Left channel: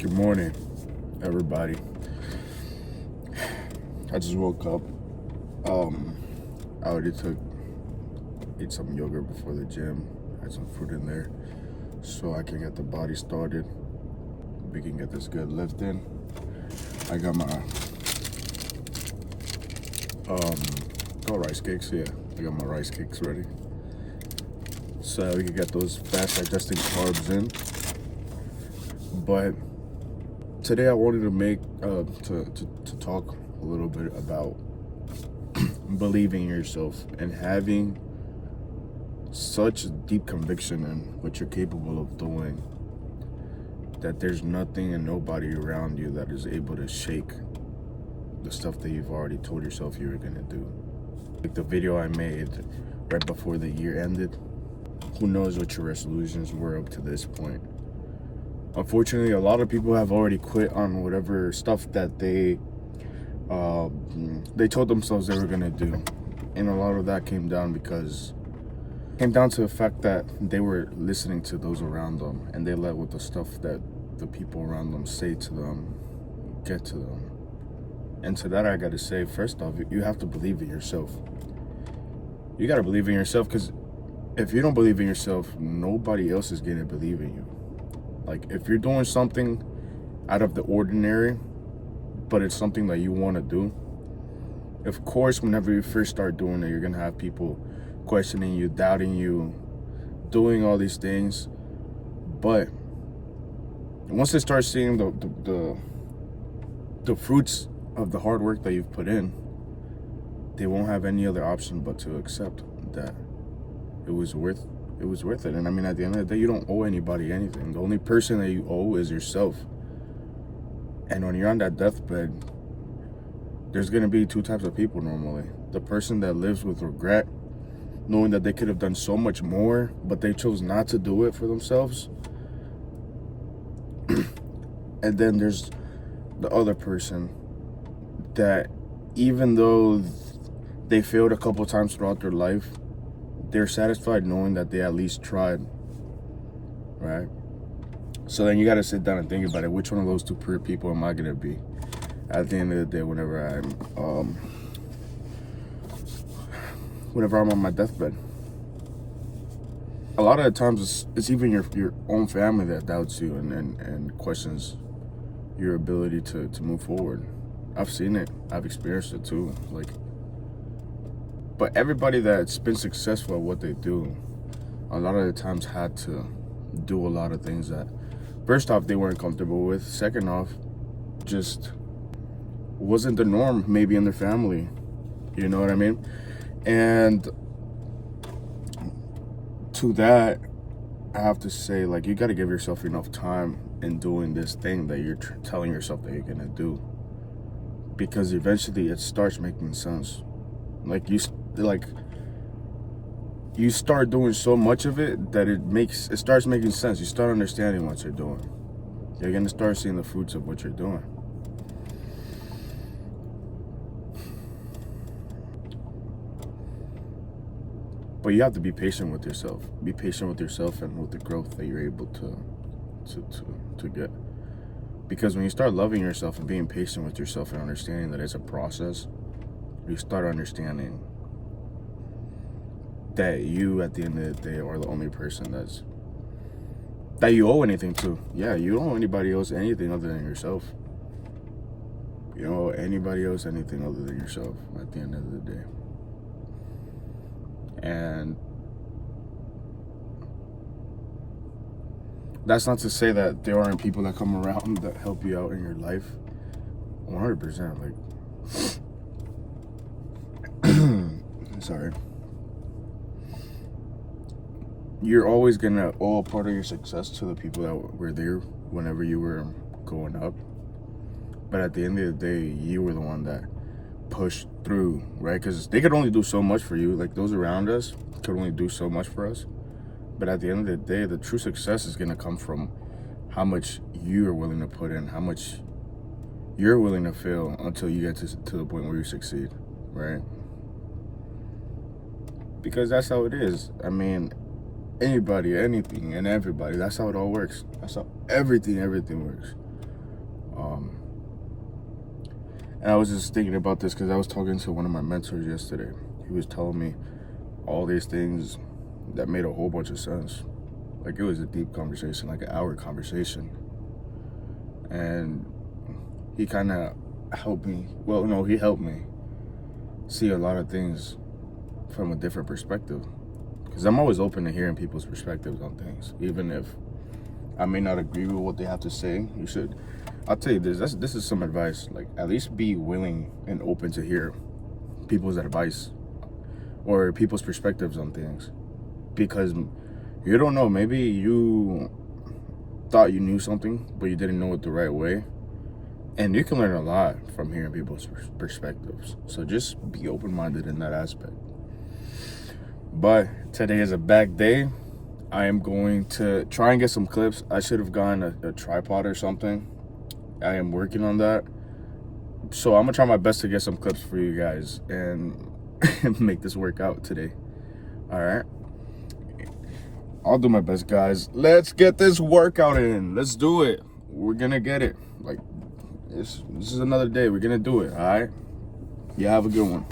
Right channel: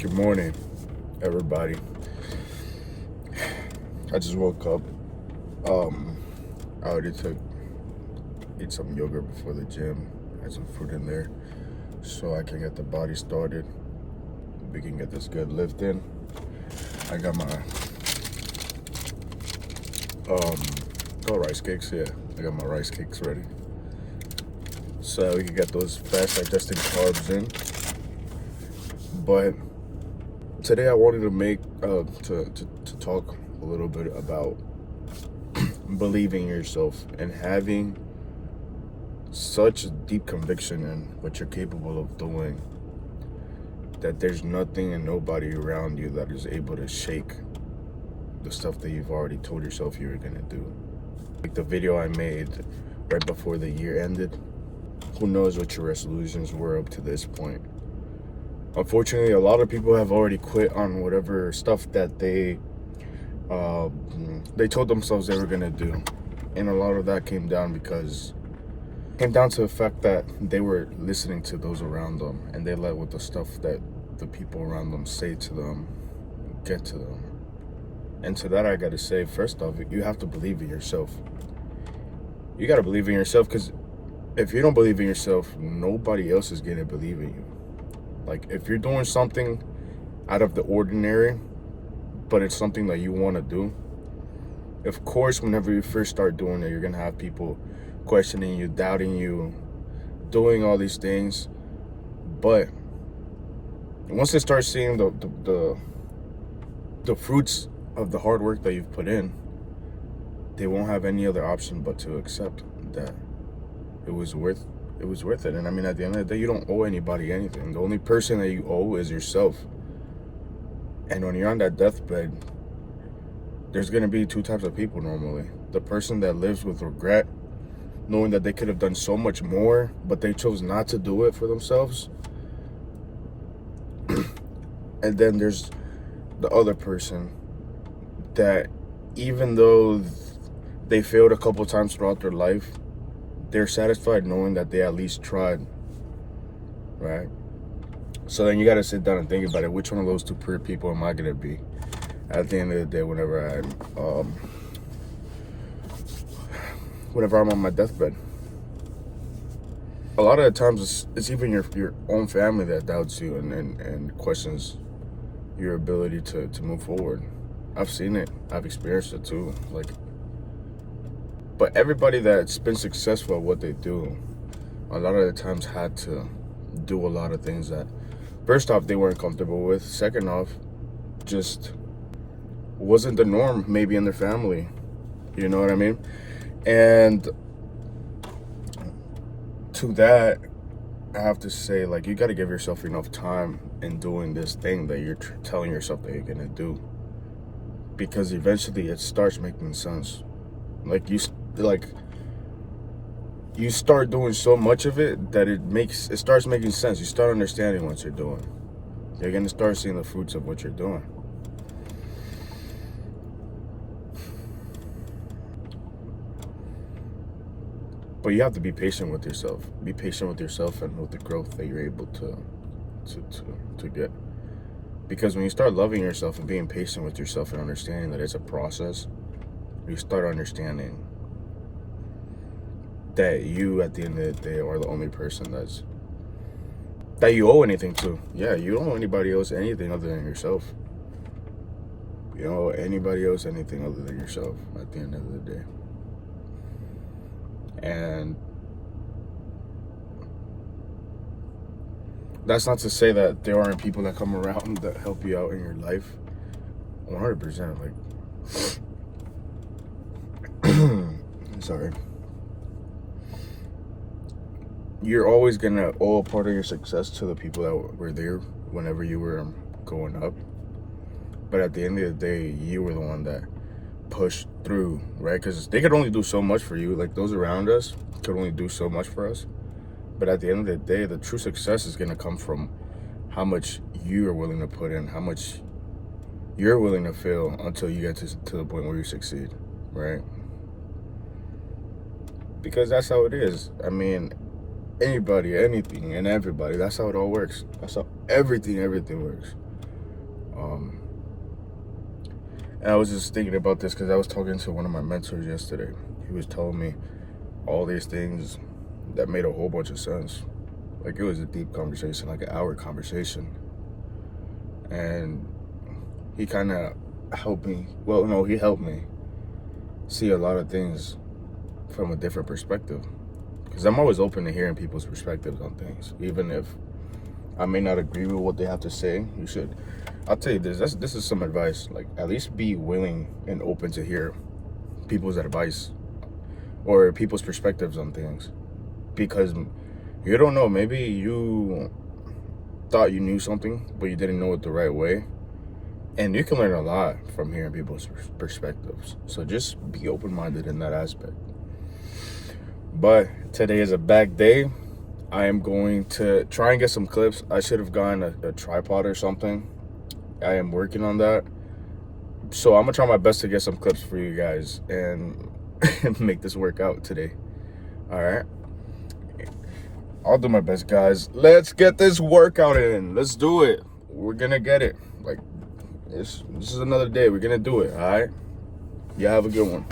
Good morning, everybody. I just woke up. I already ate some yogurt before the gym. Had some fruit in there, so I can get the body started. We can get this good lift in. I got my rice cakes. Yeah, I got my rice cakes ready, so we can get those fast digesting carbs in. But today I wanted to make to talk a little bit about believing in yourself and having such deep conviction in what you're capable of doing that there's nothing and nobody around you that is able to shake the stuff that you've already told yourself you were gonna do. Like the video I made right before the year ended. Who knows what your resolutions were up to this point? Unfortunately, a lot of people have already quit on whatever stuff that they told themselves they were gonna do, and a lot of that came down to the fact that they were listening to those around them, and they let what the stuff that the people around them say to them get to them. And to that, I gotta say, first off, you have to believe in yourself. You gotta believe in yourself, because if you don't believe in yourself, nobody else is gonna believe in you. Like, if you're doing something out of the ordinary, but it's something that you want to do, of course, whenever you first start doing it, you're going to have people questioning you, doubting you, doing all these things. But once they start seeing the fruits of the hard work that you've put in, they won't have any other option but to accept that it was worth it. And I mean, at the end of the day, you don't owe anybody anything. The only person that you owe is yourself. And when you're on that deathbed, there's going to be two types of people normally. The person that lives with regret, knowing that they could have done so much more, but they chose not to do it for themselves. And then there's the other person that, even though they failed a couple times throughout their life, they're satisfied knowing that they at least tried, right? So then you got to sit down and think about it. Which one of those two people am I going to be at the end of the day whenever I'm on my deathbed? A lot of the times it's even your own family that doubts you and questions your ability to move forward. I've seen it. I've experienced it too. But everybody that's been successful at what they do, a lot of the times had to do a lot of things that, first off, they weren't comfortable with. Second off, just wasn't the norm maybe in their family. You know what I mean? And to that, I have to say, you got to give yourself enough time in doing this thing that you're telling yourself that you're going to do. Because eventually it starts making sense. You start doing so much of it that it starts making sense. You start understanding what you're doing. You're gonna start seeing the fruits of what you're doing. But you have to be patient with yourself. Be patient with yourself and with the growth that you're able to get. Because when you start loving yourself and being patient with yourself and understanding that it's a process, you start understanding that you, at the end of the day, are the only person that you owe anything to. Yeah, you don't owe anybody else anything other than yourself. You don't owe anybody else anything other than yourself at the end of the day. And that's not to say that there aren't people that come around that help you out in your life. 100%. Sorry. You're always gonna owe a part of your success to the people that were there whenever you were going up. But at the end of the day, you were the one that pushed through, right? Because they could only do so much for you. Those around us could only do so much for us. But at the end of the day, the true success is gonna come from how much you are willing to put in, how much you're willing to fail until you get to the point where you succeed, right? Because that's how it is. I mean, anybody, anything, and everybody. That's how it all works. That's how everything works. And I was just thinking about this because I was talking to one of my mentors yesterday. He was telling me all these things that made a whole bunch of sense. Like, it was a deep conversation, like an hour conversation. And he kind of helped me. Well, no, he helped me see a lot of things from a different perspective. Because I'm always open to hearing people's perspectives on things. Even if I may not agree with what they have to say, you should. I'll tell you this. This is some advice. Like, at least be willing and open to hear people's advice or people's perspectives on things. Because you don't know. Maybe you thought you knew something, but you didn't know it the right way. And you can learn a lot from hearing people's perspectives. So just be open-minded in that aspect. But today is a back day. I am going to try and get some clips. I should have gotten a tripod or something. I am working on that. So I'm going to try my best to get some clips for you guys and make this work out today. All right. I'll do my best, guys. Let's get this workout in. Let's do it. We're going to get it. Like, this is another day. We're going to do it. All right. You have a good one.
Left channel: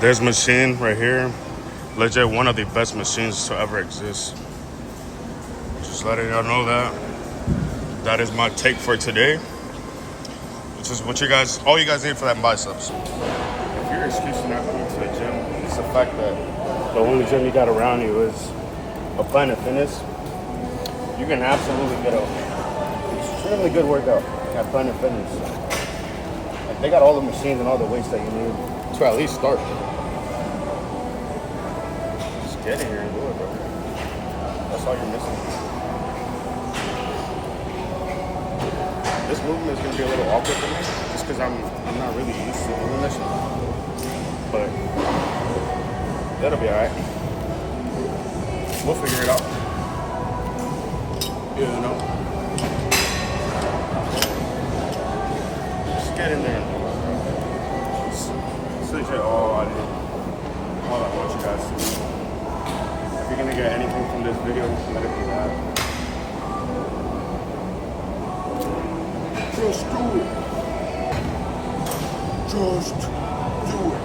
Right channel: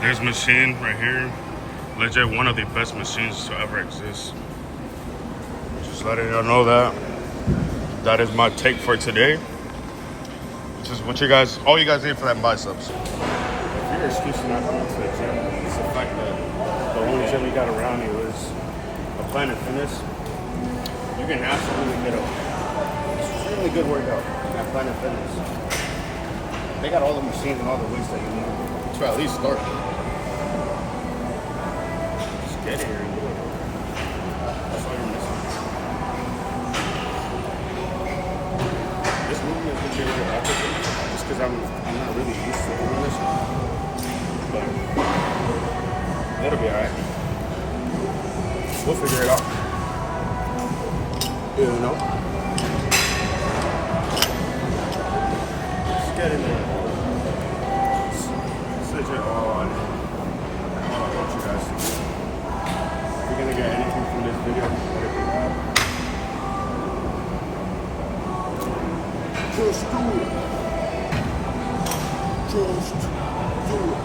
This machine right here, legit one of the best machines to ever exist. Just letting y'all know that is my take for today. Which is what all you guys need for that biceps. If you're excuse for not going to the gym, it's the fact that the only gym you got around you is a Planet Fitness. You can absolutely get a extremely good workout at Planet Fitness. They got all the machines and all the weights that you need to at least start. Just get in here and do it, bro. That's all you're missing. This movement is going to be a little awkward for me, just because I'm not really used to doing this. But that'll be alright. We'll figure it out. You know? Just get in there and do it, bro. This is all I want you guys to do. If you're going to get anything from this video, let it be that. Just do it. Just do it.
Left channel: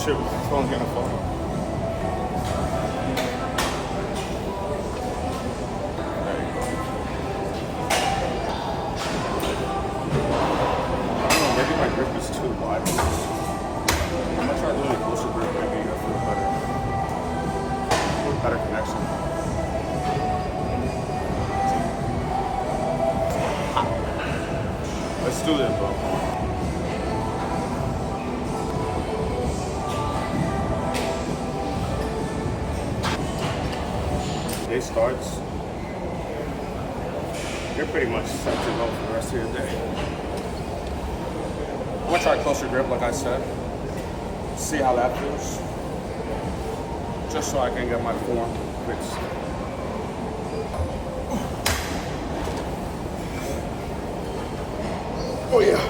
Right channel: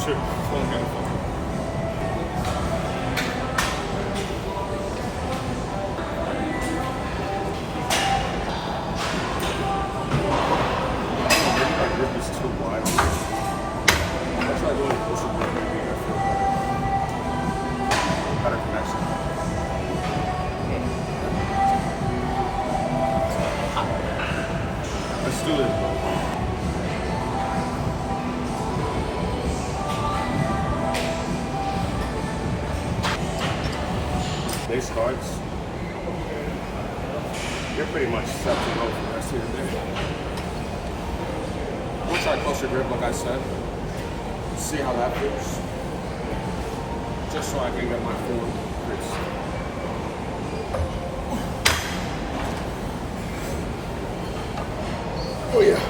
Shoot, someone's gonna fall. I don't know, maybe my grip is too wide on this. I'm gonna try doing a closer grip, maybe I feel better connection. Let's do this, bro. Day starts. You're pretty much set to go for the rest of your day. I'm gonna try closer grip, like I said. See how that feels. Just so I can get my form fixed. Oh yeah.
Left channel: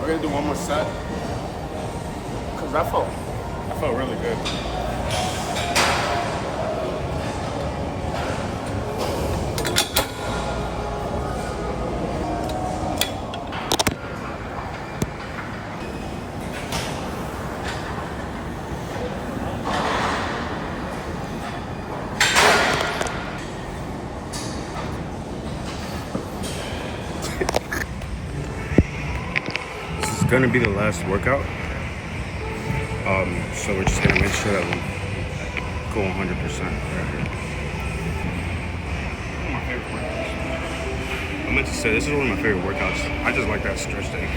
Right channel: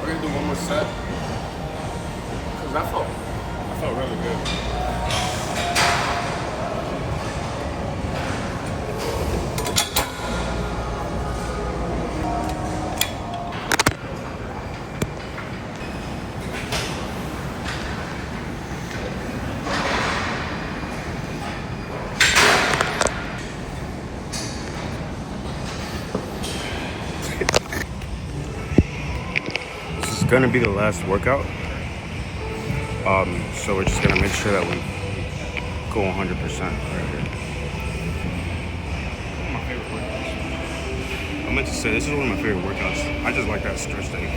We're gonna do one more set because I felt really good. Gonna be the last workout, so we're just gonna make sure that we go 100% right here. One of my favorite workouts. I meant to say this is one of my favorite workouts. I just like that stretch day.